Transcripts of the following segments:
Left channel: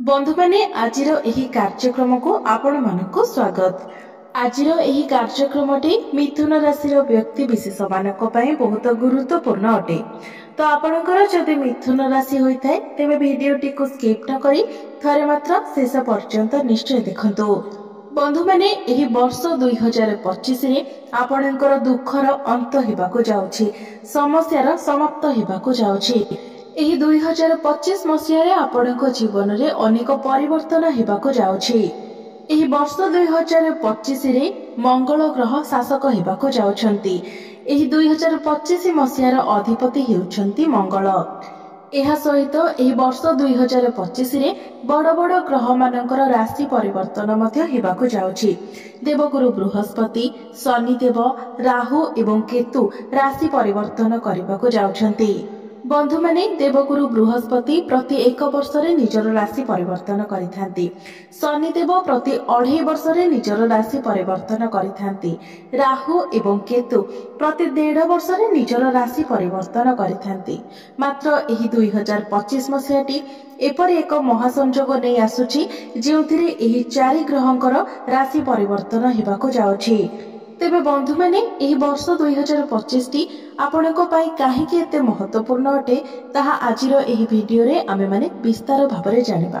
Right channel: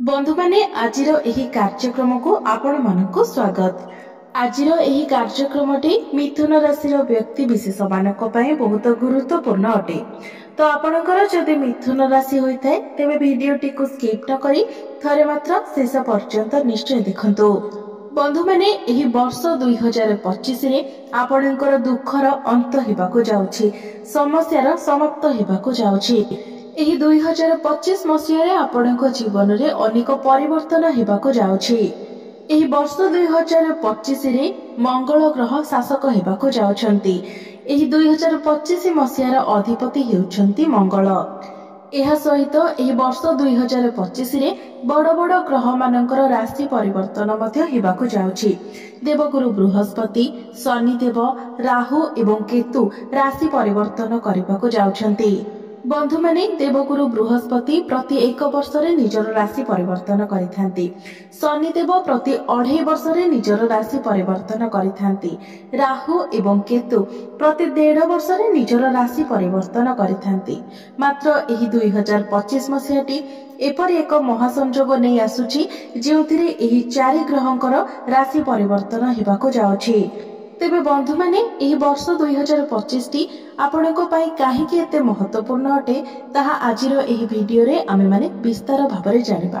बंधु माने आजिर एही कार्यक्रम को आपण मानक स्वागत। आजिर एही कार्यक्रमटी मिथुन राशि व्यक्ति विशेष मानक पई बहुत गुरुत्वपूर्ण अटे। तो आपणकर जदि मिथुन राशि होता है तेबे भिडियोटी को स्किप न करी थरे मात्र शेष पर्यंत निश्चय देखंतु। बंधु माने एही वर्ष 2025 रे आपणकर दुखर अंत हेबाको जाउछि, समस्यार समाप्त हेबाको जाउछि। एही 2025 मसीह आपणक जीवन रे अनेक परिवर्तन हेबाको जाउछि। एही वर्ष 2025 रे मंगल ग्रह शासक हेबाको जाउछंती। एही 2025 मसीहार अधिपति हेउछंती मंगल। एहा सहित एही वर्ष 2025 रे बड़ बड़ ग्रह मानकर राशि परिवर्तन मध्य हेबाको जाउछि। देवगुरु बृहस्पति, शनिदेव, राहु एवं केतु राशि परिवर्तन करबाको जाउछंती। बंधु माने देवगुरु बृहस्पति प्रति 1 वर्ष रे निजर राशि परिवर्तन करिथांती। शनिदेव प्रति 2.5 वर्ष रे निजर राशि परिवर्तन करिथांती। राहु एवं केतु प्रति 1.5 वर्ष रे निजर राशि परिवर्तन करिथांती। मात्र एही 2025 मसीहाटी एपरि एक महासंजोग नै आसुछि जेउथिरे एही 4 ग्रहंकर राशि परिवर्तन हेबाको जाउछि। तेबे बंधु माने एही वर्ष 2025 टी आपणको पाई काहेकि एते महत्वपूर्ण अटे ताहा आजिर एही भिडियो रे आमे माने विस्तार भाबरे जानिबा।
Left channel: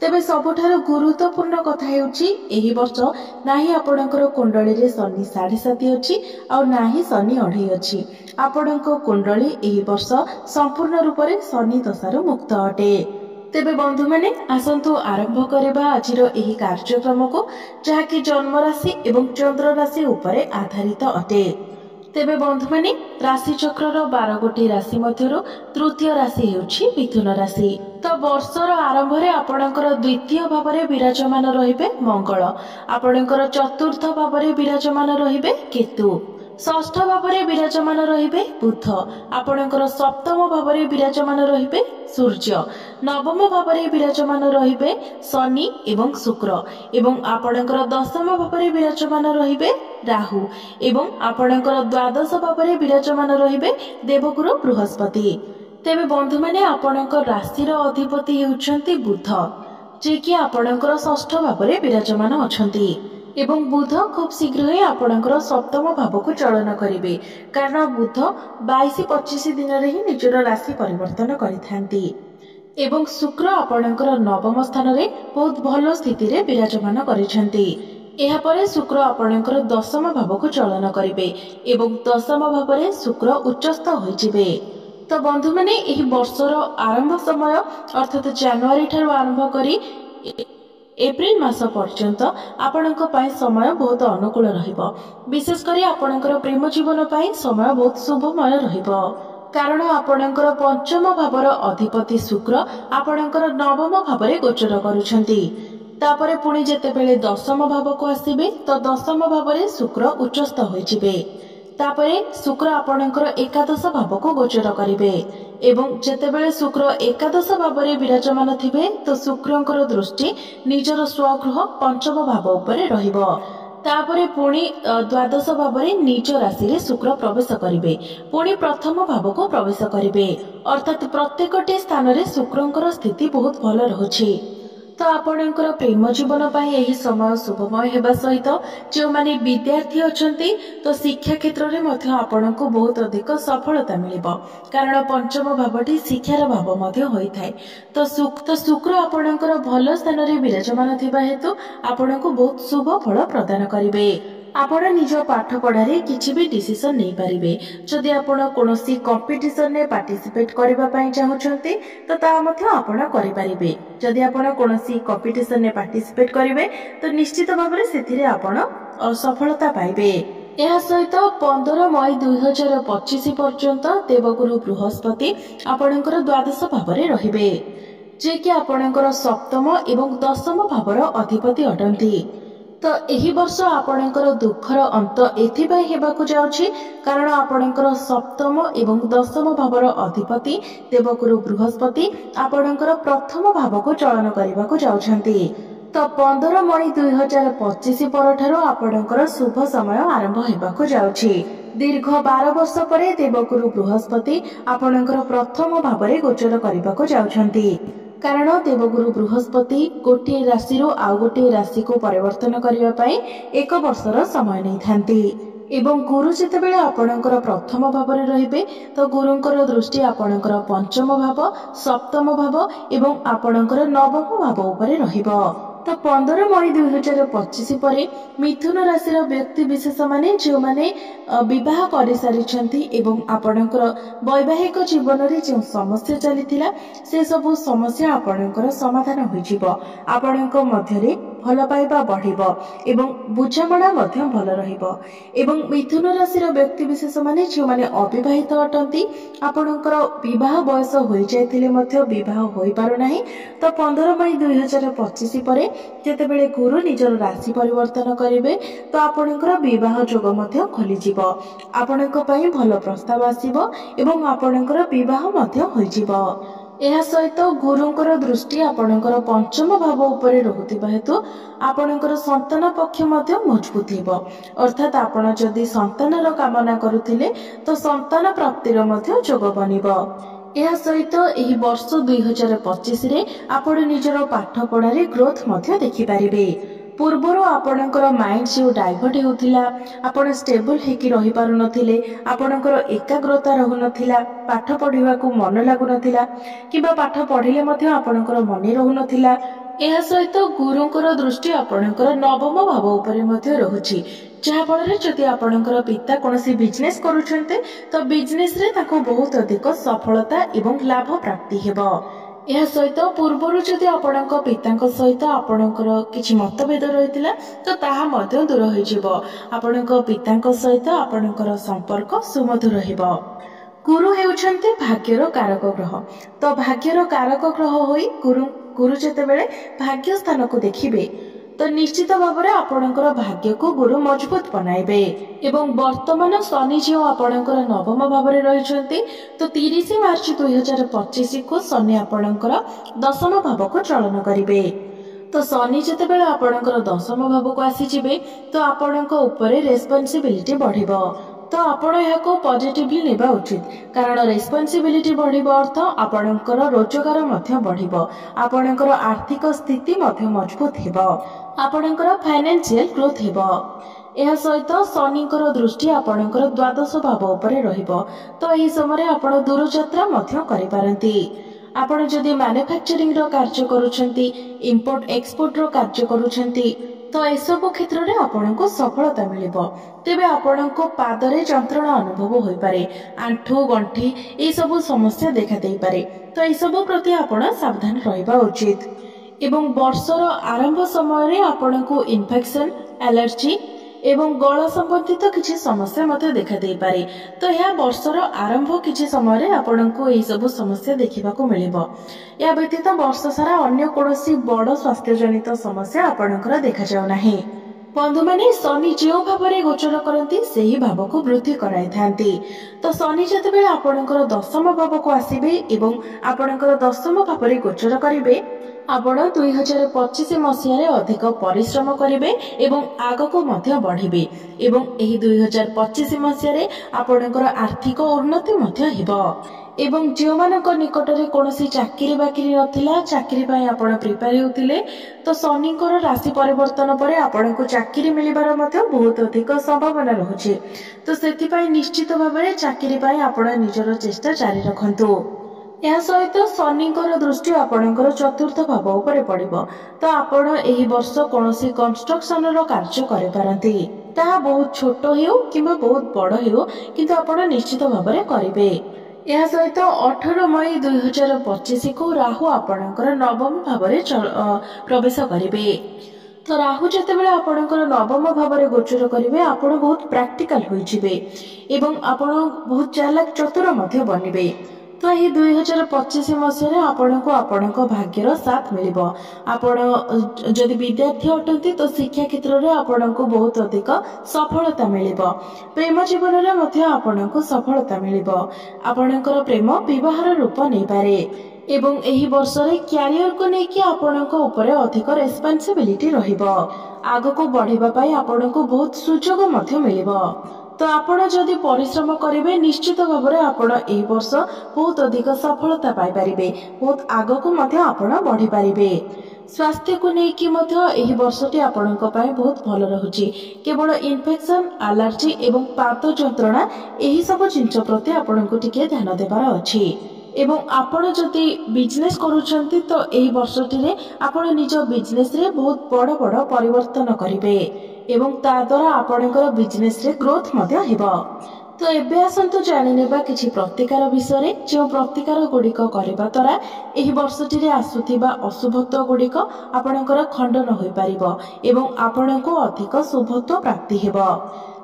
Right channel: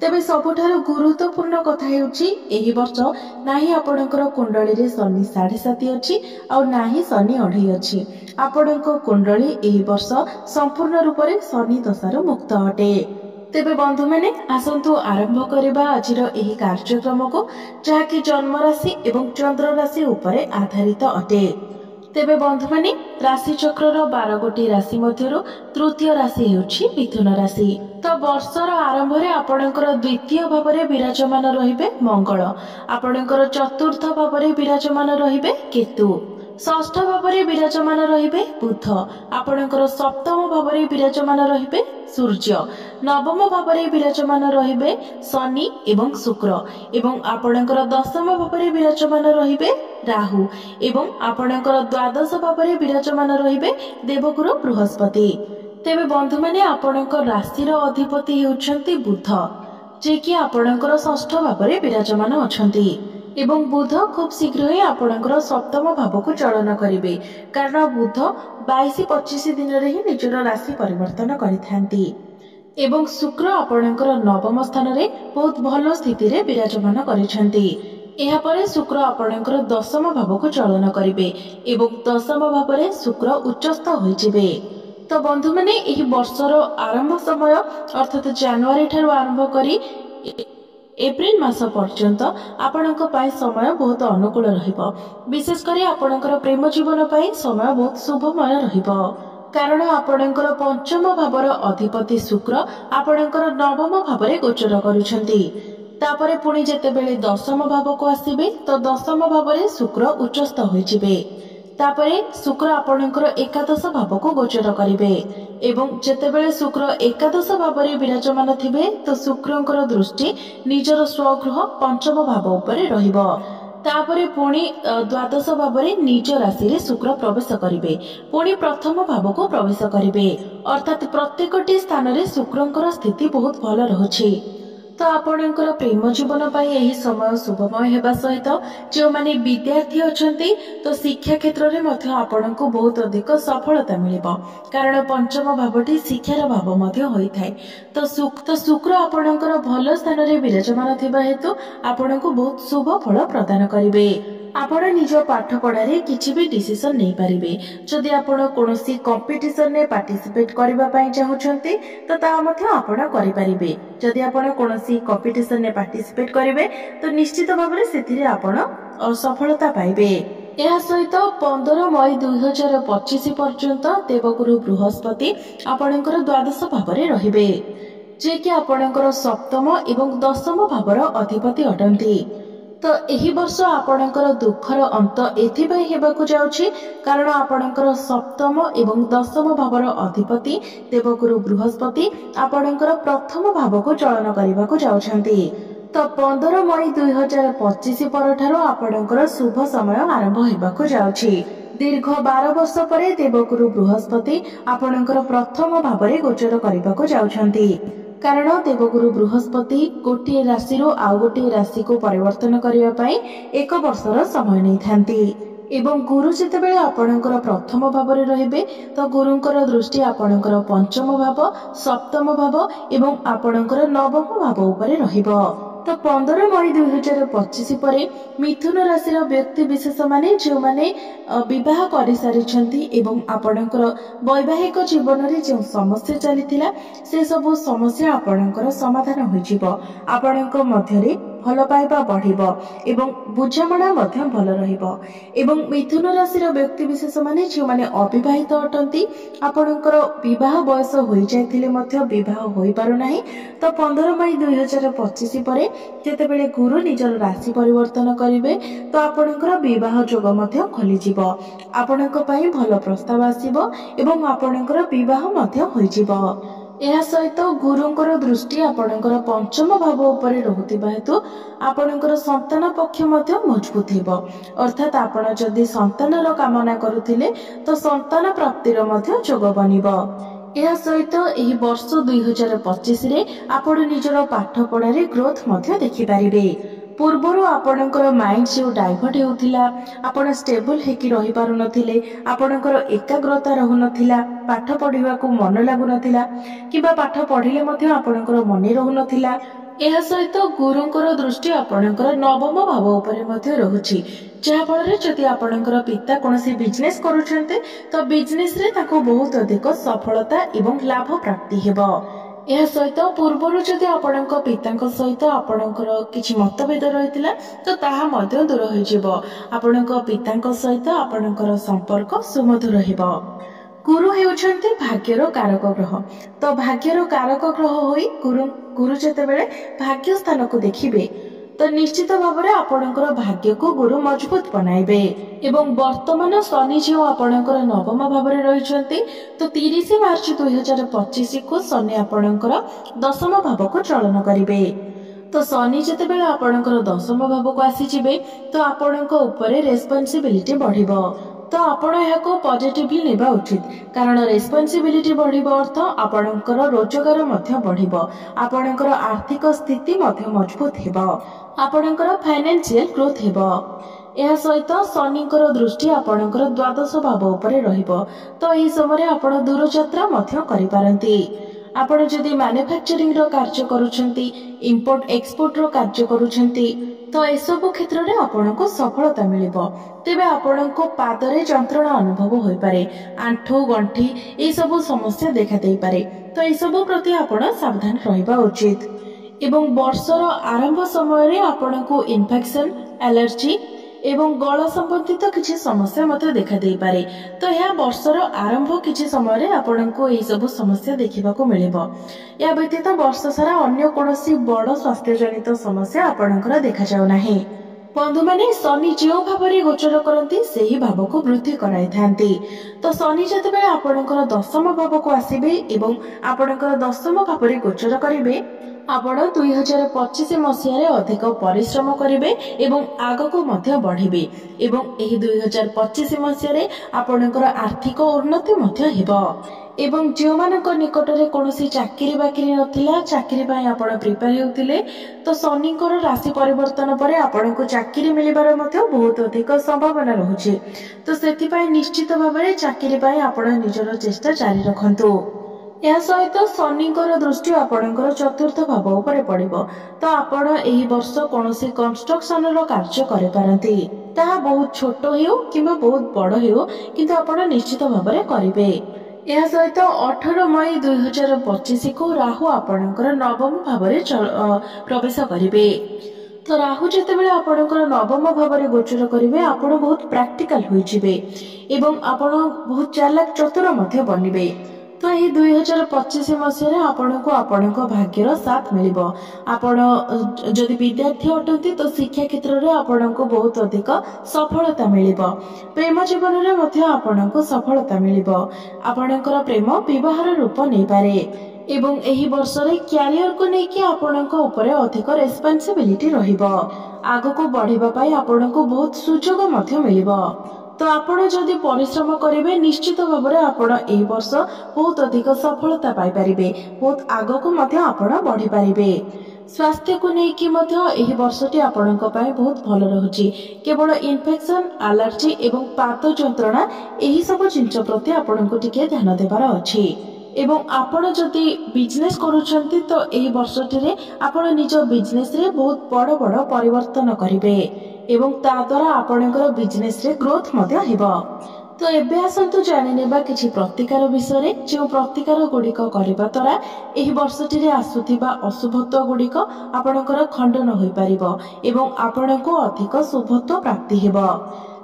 तेबे सबुठार गुरुत्वपूर्ण कथा हेउची एही वर्ष नाही आपणकर कुंडली रे शनि 7.5 अछि आ नाही शनि 2.5 अछि। आपणको कुंडली एही वर्ष संपूर्ण रूप रे शनि दशारु मुक्त अटे। तेबे बंधु माने आसंतु आरंभ करबा आजिर एही कार्यक्रम को जहाँकि जन्म राशि एवं चंद्र राशि उपरे आधारित अटे। तेबे बंधु माने राशि चक्र 12 गोटी राशि मध्यरु तृतीय राशि हेउछि मिथुन राशि। तो वर्षर आरंभ रे आपणकर द्वितीय भाव रे विराजमान रहिबे मंगल, आपणकर चतुर्थ भाव रे विराजमान रहिबे केतु, षष्ठ भाव रे विराजमान रहिबे बुध, आपणकर सप्तम भाव रे विराजमान रहिबे सूर्य, नवम भाव रे विराजमान रहिबे शनि एवं शुक्र एवं आपणकर दशम भाव रे विराजमान रहिबे राहु एवं आपणकर द्वादश भाव रे विराजमान रहिबे देवगुरु बृहस्पति। तेबे बंधु माने आपणकर राशिर अधिपति हेउछंती बुध, जे कि आपणकर षष्ठ भाव रे विराजमान अछंती एवं बुध खूब शीघ्र ही आपणकर सप्तम भाव को चलन करिवे, कारण बुध 22-25 दिन रे ही निजर राशि परिवर्तन करिथांती एवं शुक्र आपणकर नवम स्थान रे बहुत भलो स्थिति रे विराजमान करिसंती। एहा परे शुक्र आपणकर दशम भाव को चलन करिवे एवं दशम भाव रे शुक्र उच्चस्थ होइजिवे। तो बंधु माने एही वर्षर आरंभ समय अर्थात जनवरी ठारू आरंभ करी एप्रिल मास पर्यंत आपणक पाई समय बहुत अनुकूल रहिबो। विशेष करी आपणकर प्रेम जीवन पाई समय बहुत शुभमय रहिबो, कारण आपणकर पंचम भावर अधिपति शुक्र आपणकर नवम भावरे गोचर करुछंती। तापरे पुणी जेतेबेले दशम भाव को आसीबे तो दशम भावरे शुक्र उच्चस्थ होइजिबे। तापरे शुक्र आपणकर एकादश भाव को गोचर करिवे एवं जेतेबेले शुक्र एकादश भावरे विराजमान थिबे तो शुक्रंकर दृष्टि निजर स्वगृह पंचम भाव उपरे रहिबो। तापरे पुणी द्वादश भावरे निज राशि रे शुक्र प्रवेश करिवे, पुणी प्रथम भाव को प्रवेश करिवे, अर्थात प्रत्येकटी स्थान रे शुक्रंकर स्थिति बहुत भल रहुछि। तो आपणकर प्रेम जीवन पाई एही समय शुभमय हेबा सहित जो माने विद्यार्थी अछंती तो शिक्षा क्षेत्र रे मध्य आपणको बहुत अधिक सफलता मिलिबो, कारण पंचम भावटी शिक्षार भाव मध्य होइथाय। तो शुक्र आपणकर भल स्थान रे विराजमान थिबा हेतु आपणको बहुत शुभ फल प्रदान करिवे। आपण निज पाठ पढ़ारे किछि भी डिसिजन नै पारिबे। जदि आपण कोनोसी कंपटीशन ने पार्टिसिपेट करबा पई चाहुछंती तो ता मध्य आपण करि पारिबे। जदि आपण कोनोसी कंपटीशन ने पार्टिसिपेट करिवे तो निश्चित भाबरे सेथिरे आपण सफलता पाइबे। एहा सहित 15 मई 2025 पर्यंत देवगुरु बृहस्पति आपणकर द्वादश भावरे रहिबे, जे कि आपणकर सप्तम एवं दशम भावर अधिपति अटंती। तो एही वर्ष आपणकर दुखर अंत एथिपाई हेबाकु जाउछि, कारण आपणकर सप्तम एवं दशम भावर अधिपति देवगुरु बृहस्पति आपणकर प्रथम भाव को चलन करिबाकु जाउछंती। तो 15 मई 2025 परठारु आपणकर शुभ समय आरंभ हेबाकु जाउछि। दीर्घ 12 वर्ष परे देवगुरु बृहस्पति आपणकर प्रथम भावरे गोचर करिबाकु जाउछंती। କାରଣ ଦେବଗୁରୁ ବୃହସ୍ପତି ଗୋଟିଏ ରାଶିରୁ ଆଉ ଗୋଟିଏ ରାଶିକୁ ପରିବର୍ତ୍ତନ କରିବା ପାଇଁ 1 ବର୍ଷର ସମୟ ନେଇଥାନ୍ତି। ଏବଂ ଗୁରୁ ଯେତେବେଳେ ଆପଣଙ୍କର ପ୍ରଥମ ଭାବରେ ରହିବେ ତ ଗୁରୁଙ୍କର ଦୃଷ୍ଟି ଆପଣଙ୍କର ପଞ୍ଚମ ଭାବ, ସପ୍ତମ ଭାବ ଏବଂ ଆପଣଙ୍କର ନବମ ଭାବ ଉପରେ ରହିବ। ତ 15 ମଇ 2025 ପରେ ମିଥୁନ ରାଶିର ବ୍ୟକ୍ତି ବିଶେଷ ମାନେ ଯେଉଁମାନେ ବିବାହ କରିସାରିଛନ୍ତି ଏବଂ ଆପଣଙ୍କର ବୈବାହିକ ଜୀବନରେ ଯେଉଁ ସମସ୍ୟା ଚାଲିଥିଲା ସେ ସବୁ ସମସ୍ୟା ଆପଣଙ୍କର ସମାଧାନ ହୋଇଯିବ। ଆପଣଙ୍କ ମଧ୍ୟରେ ଭଲ ପାଇବା ବଢ଼ିବ ଏବଂ ବୁଝାମଣା ମଧ୍ୟ ଭଲ ରହିବ। ଏବଂ ମିଥୁନ ରାଶିର ବ୍ୟକ୍ତି ବିଶେଷ ମାନେ ଯେଉଁମାନେ ଅବିବାହିତ ଅଟନ୍ତି, ଆପଣଙ୍କର ବିବାହ ବୟସ ହୋଇଯାଇଥିଲେ ମଧ୍ୟ ବିବାହ ହୋଇପାରୁନାହିଁ, ତ 15 ମଇ 2025 ପରେ ଯେତେବେଳେ ଗୁରୁ ନିଜର ରାଶି ପରିବର୍ତ୍ତନ କରିବେ ତ ଆପଣଙ୍କର ବିବାହ ଯୋଗ ମଧ୍ୟ ଖୋଲିଯିବ। ଆପଣଙ୍କ ପାଇଁ ଭଲ ପ୍ରସ୍ତାବ ଆସିବ ଏବଂ ଆପଣଙ୍କର ବିବାହ ମଧ୍ୟ ହୋଇଯିବ। ଏହା ସହିତ ଗୁରୁଙ୍କର ଦୃଷ୍ଟି ଆପଣଙ୍କର ପଞ୍ଚମ ଭାବ ଉପରେ ରହୁଥିବା ହେତୁ ଆପଣଙ୍କର ସନ୍ତାନ ପକ୍ଷ ମଧ୍ୟ ମଜବୁତ ହେବ। ଅର୍ଥାତ୍ ଆପଣ ଯଦି ସନ୍ତାନର କାମନା କରୁଥିଲେ ତ ସନ୍ତାନ ପ୍ରାପ୍ତିର ମଧ୍ୟ ଯୋଗ ବନିବ। ଏହା ସହିତ ଏହି ବର୍ଷ 2025ରେ ଆପଣ ନିଜର ପାଠପଢ଼ାରେ ଗ୍ରୋଥ ମଧ୍ୟ ଦେଖିପାରିବେ। ପୂର୍ବରୁ ଆପଣଙ୍କର ମାଇଣ୍ଡ ଯେଉଁ ଡାଇଭର୍ଟ ହେଉଥିଲା, ଆପଣ ଷ୍ଟେବଲ ହେଇକି ରହିପାରୁନଥିଲେ, ଆପଣଙ୍କର ଏକାଗ୍ରତା ରହୁନଥିଲା, ପାଠ ପଢ଼ିବାକୁ ମନ ଲାଗୁନଥିଲା କିମ୍ବା ପାଠ ପଢ଼ିଲେ ମଧ୍ୟ ଆପଣଙ୍କର ମନେ ରହୁନଥିଲା। ଏହା ସହିତ ଗୁରୁଙ୍କର ଦୃଷ୍ଟି ଆପଣଙ୍କର ନବମ ଭାବ ଉପରେ ମଧ୍ୟ ରହୁଛି, ଯାହାଫଳରେ ଯଦି ଆପଣଙ୍କର ପିତା କୌଣସି ବିଜନେସ୍ କରୁଛନ୍ତି ତ ବିଜନେସ୍ରେ ତାଙ୍କୁ ବହୁତ ଅଧିକ ସଫଳତା ଏବଂ ଲାଭ ପ୍ରାପ୍ତି ହେବ। ଏହା ସହିତ ପୂର୍ବରୁ ଯଦି ଆପଣଙ୍କ ପିତାଙ୍କ ସହିତ ଆପଣଙ୍କର କିଛି ମତଭେଦ ରହିଥିଲା ତ ତାହା ମଧ୍ୟ ଦୂର ହୋଇଯିବ। ଆପଣଙ୍କ ପିତାଙ୍କ ସହିତ ଆପଣଙ୍କର ସମ୍ପର୍କ ସୁମଧୁର ହେବ। ଗୁରୁ ହେଉଛନ୍ତି ଭାଗ୍ୟର କାରକ ଗ୍ରହ। ତ ଭାଗ୍ୟର କାରକ ଗ୍ରହ ହୋଇ ଗୁରୁ ଯେତେବେଳେ ଭାଗ୍ୟ ସ୍ଥାନକୁ ଦେଖିବେ ତ ନିଶ୍ଚିତ ଭାବରେ ଆପଣଙ୍କର ଭାଗ୍ୟକୁ ଗୁରୁ ମଜବୁତ ବନାଇବେ। ଏବଂ ବର୍ତ୍ତମାନ ଶନି ଯେଉଁ ଆପଣଙ୍କର ନବମ ଭାବରେ ରହିଛନ୍ତି ତ 30 ମାର୍ଚ୍ଚ 2025କୁ ଶନି ଆପଣଙ୍କର ଦଶମ ଭାବକୁ ଚଳନ କରିବେ। ତ ଶନି ଯେତେବେଳେ ଆପଣଙ୍କର ଦଶମ ଭାବକୁ ଆସିଯିବେ ତ ଆପଣଙ୍କ ଉପରେ ରେସ୍ପନ୍ସିବିଲିଟି ବଢ଼ିବ। ତ ଆପଣ ଏହାକୁ ପଜିଟିଭଲି ନେବା ଉଚିତ, କାରଣ ରେସ୍ପନ୍ସିବିଲିଟି ବଢ଼ିବା ଅର୍ଥ ଆପଣଙ୍କର ରୋଜଗାର ମଧ୍ୟ ବଢ଼ିବ, ଆପଣଙ୍କର ଆର୍ଥିକ ସ୍ଥିତି ମଧ୍ୟ ମଜବୁତ ହେବ, ଆପଣଙ୍କର ଫାଇନାନ୍ସିଆଲ ଗ୍ରୋଥ ହେବ। ଏହା ସହିତ ଶନିଙ୍କର ଦୃଷ୍ଟି ଆପଣଙ୍କର ଦ୍ୱାଦଶ ଭାବ ଉପରେ ରହିବ। ତ ଏହି ସମୟରେ ଆପଣ ଦୂରଯାତ୍ରା ମଧ୍ୟ କରିପାରନ୍ତି। ଆପଣ ଯଦି ମ୍ୟାନୁଫ୍ୟାକ୍ଚରିଂର କାର୍ଯ୍ୟ କରୁଛନ୍ତି, ଇମ୍ପୋର୍ଟ ଏକ୍ସପୋର୍ଟର କାର୍ଯ୍ୟ କରୁଛନ୍ତି ତ ଏସବୁ କ୍ଷେତ୍ରରେ ଆପଣଙ୍କୁ ସଫଳତା ମିଳିବ। ତେବେ ଆପଣଙ୍କ ପାଦରେ ଯନ୍ତ୍ରଣା ଅନୁଭବ ହୋଇପାରେ, ଆଣ୍ଠୁ ଗଣ୍ଠି ଏସବୁ ସମସ୍ୟା ଦେଖା ଦେଇପାରେ। ତ ଏସବୁ ପ୍ରତି ଆପଣ ସାବଧାନ ରହିବା ଉଚିତ। ଏବଂ ବର୍ଷର ଆରମ୍ଭ ସମୟରେ ଆପଣଙ୍କୁ ଇନଫେକ୍ସନ, ଆଲର୍ଜି ଏବଂ ଗଳା ସମ୍ବନ୍ଧିତ କିଛି ସମସ୍ୟା ମଧ୍ୟ ଦେଖା ଦେଇପାରେ। ତ ଏହା ବର୍ଷର ଆରମ୍ଭ କିଛି ସମୟରେ ଆପଣଙ୍କୁ ଏହିସବୁ ସମସ୍ୟା ଦେଖିବାକୁ ମିଳିବ। ଏହା ବ୍ୟତୀତ ବର୍ଷ ସାରା ଅନ୍ୟ କୌଣସି ବଡ଼ ସ୍ୱାସ୍ଥ୍ୟଜନିତ ସମସ୍ୟା ଆପଣଙ୍କର ଦେଖାଯାଉ ନାହିଁ। ବନ୍ଧୁମାନେ, ଶନି ଯେଉଁ ଭାବରେ ଗୋଚର କରନ୍ତି ସେହି ଭାବକୁ ବୃଦ୍ଧି କରାଇଥାନ୍ତି। ତ ଶନି ଯେତେବେଳେ ଆପଣଙ୍କର ଦଶମ ଭାବକୁ ଆସିବେ ଏବଂ ଆପଣଙ୍କର ଦଶମ ଭାବରେ ଗୋଚର କରିବେ ଆପଣ 2025 ମସିହାରେ ଅଧିକ ପରିଶ୍ରମ କରିବେ ଏବଂ ଆଗକୁ ମଧ୍ୟ ବଢ଼ିବେ ଏବଂ ଏହି 2025 ମସିହାରେ ଆପଣଙ୍କର ଆର୍ଥିକ ଉନ୍ନତି ମଧ୍ୟ ହେବ। ଏବଂ ଯେଉଁମାନଙ୍କ ନିକଟରେ କୌଣସି ଚାକିରି ବାକିରି ନଥିଲା, ଚାକିରି ପାଇଁ ଆପଣ ପ୍ରିପେୟାର ହେଉଥିଲେ ତ ଶନିଙ୍କର ରାଶି ପରିବର୍ତ୍ତନ ପରେ ଆପଣଙ୍କୁ ଚାକିରି ମିଳିବାର ମଧ୍ୟ ବହୁତ ଅଧିକ ସମ୍ଭାବନା ରହୁଛି। ତ ସେଥିପାଇଁ ନିଶ୍ଚିତ ଭାବରେ ଚାକିରି ପାଇଁ ଆପଣ ନିଜର ଚେଷ୍ଟା ଜାରି ରଖନ୍ତୁ। ଏହା ସହିତ ଶନିଙ୍କର ଦୃଷ୍ଟି ଆପଣଙ୍କର ଚତୁର୍ଥ ଭାବ ଉପରେ ପଡ଼ିବ। ତ ଆପଣ ଏହି ବର୍ଷ କୌଣସି କନଷ୍ଟ୍ରକ୍ସନର କାର୍ଯ୍ୟ କରିପାରନ୍ତି, ତାହା ବହୁତ ଛୋଟ ହେଉ କିମ୍ବା ବହୁତ ବଡ଼ ହେଉ, କିନ୍ତୁ ଆପଣ ନିଶ୍ଚିତ ଭାବରେ କରିବେ। ଏହା ସହିତ 18 ମଇ 2025କୁ ରାହୁ ଆପଣଙ୍କର ନବମ ଭାବରେ ପ୍ରବେଶ କରିବେ। ତ ରାହୁ ଯେତେବେଳେ ଆପଣଙ୍କର ନବମ ଭାବରେ ଗୋଚର କରିବେ ଆପଣ ବହୁତ ପ୍ରାକ୍ଟିକାଲ ହୋଇଯିବେ ଏବଂ ଆପଣ ବହୁତ ଚାଲାକ ଚତୁର ମଧ୍ୟ ବନିବେ। ତ ଏହି 2025 ମସିହାରେ ଆପଣଙ୍କୁ ଆପଣଙ୍କ ଭାଗ୍ୟର ସାଥ ମିଳିବ। ଆପଣ ଯଦି ବିଦ୍ୟାର୍ଥୀ ଅଟନ୍ତି ତ ଶିକ୍ଷା କ୍ଷେତ୍ରରେ ଆପଣଙ୍କୁ ବହୁତ ଅଧିକ ସଫଳତା ମିଳିବ। ପ୍ରେମ ଜୀବନରେ ମଧ୍ୟ ଆପଣଙ୍କୁ ସଫଳତା ମିଳିବ। ଆପଣଙ୍କର ପ୍ରେମ ବିବାହର ରୂପ ନେଇପାରେ ଏବଂ ଏହି ବର୍ଷରେ କ୍ୟାରିୟରକୁ ନେଇକି ଆପଣଙ୍କ ଉପରେ ଅଧିକ ରେସ୍ପନ୍ସିବିଲିଟି ରହିବ। ଆଗକୁ ବଢ଼ିବା ପାଇଁ ଆପଣଙ୍କୁ ବହୁତ ସୁଯୋଗ ମଧ୍ୟ ମିଳିବ। तो आपण जदि परिश्रम करेंगे निश्चित भाव में आपण एही वर्ष बहुत अधिक सफलता पाई परिबे, बहुत आगको मध्य आपण बढ़ी पारिबे। स्वास्थ्य को लेकिन एही वर्षटी आपणक पई बहुत भल रहुची। केवल इन्फेक्शन, एलर्जी एवं पाद जंत्रणा एही सब जिंस प्रति आपणको टिके ध्यान देबार अछि। एवं आपण जदि बिजनेस करूछंती तो एही वर्षटी रे आपण निज बिजनेस रे बहुत बड़ बड़ परिवर्तन करिवे एवं ता द्वारा आपणकर बिजनेस रे ग्रोथ मध्य हेबो। तो एबे आसंतु जानि नेबा किछि प्रतिकार विषय रे, जो प्रतिकार गुड़िक करबा द्वारा एही वर्षटी रे आसुथिबा अशुभत्व गुड़िक आपणकर खंडन होई परिबो एवं आपणको अधिक शुभत्व प्राप्ति हेबो।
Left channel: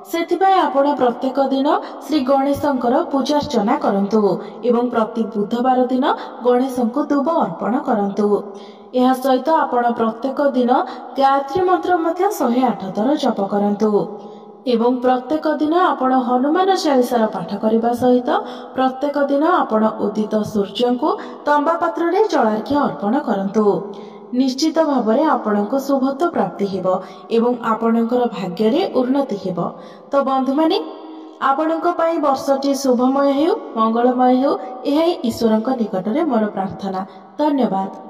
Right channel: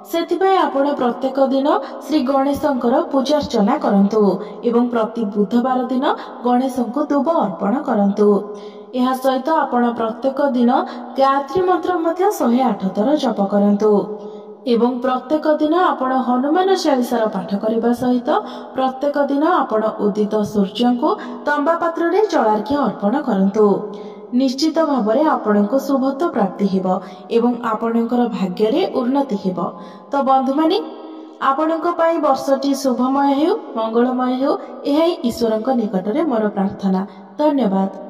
सेथिबाई आपण प्रत्येक दिन श्री गणेशंकर पूजार्चना करंतु एवं प्रति बुधवार दिन गणेशंको दुब अर्पण करंतु। यह सहित आपण प्रत्येक दिन गायत्री मंत्र मध्य 108 थर जप करंतु एवं प्रत्येक दिन आपण हनुमान चालीसार पाठ करने सहित प्रत्येक दिन आपण उदित सूर्य को तंबा पात्र रे जलार्घ्य अर्पण करंतु। निश्चित भाव में आपणको शुभत्व प्राप्ति हेबो एवं आपणकर भाग्य रे उन्नति हेबो। तो बंधु माने आपणक पई वर्षटी शुभमय हेउ, मंगलमय हेउ, एही ईश्वरक निकट रे मोर प्रार्थना। धन्यवाद।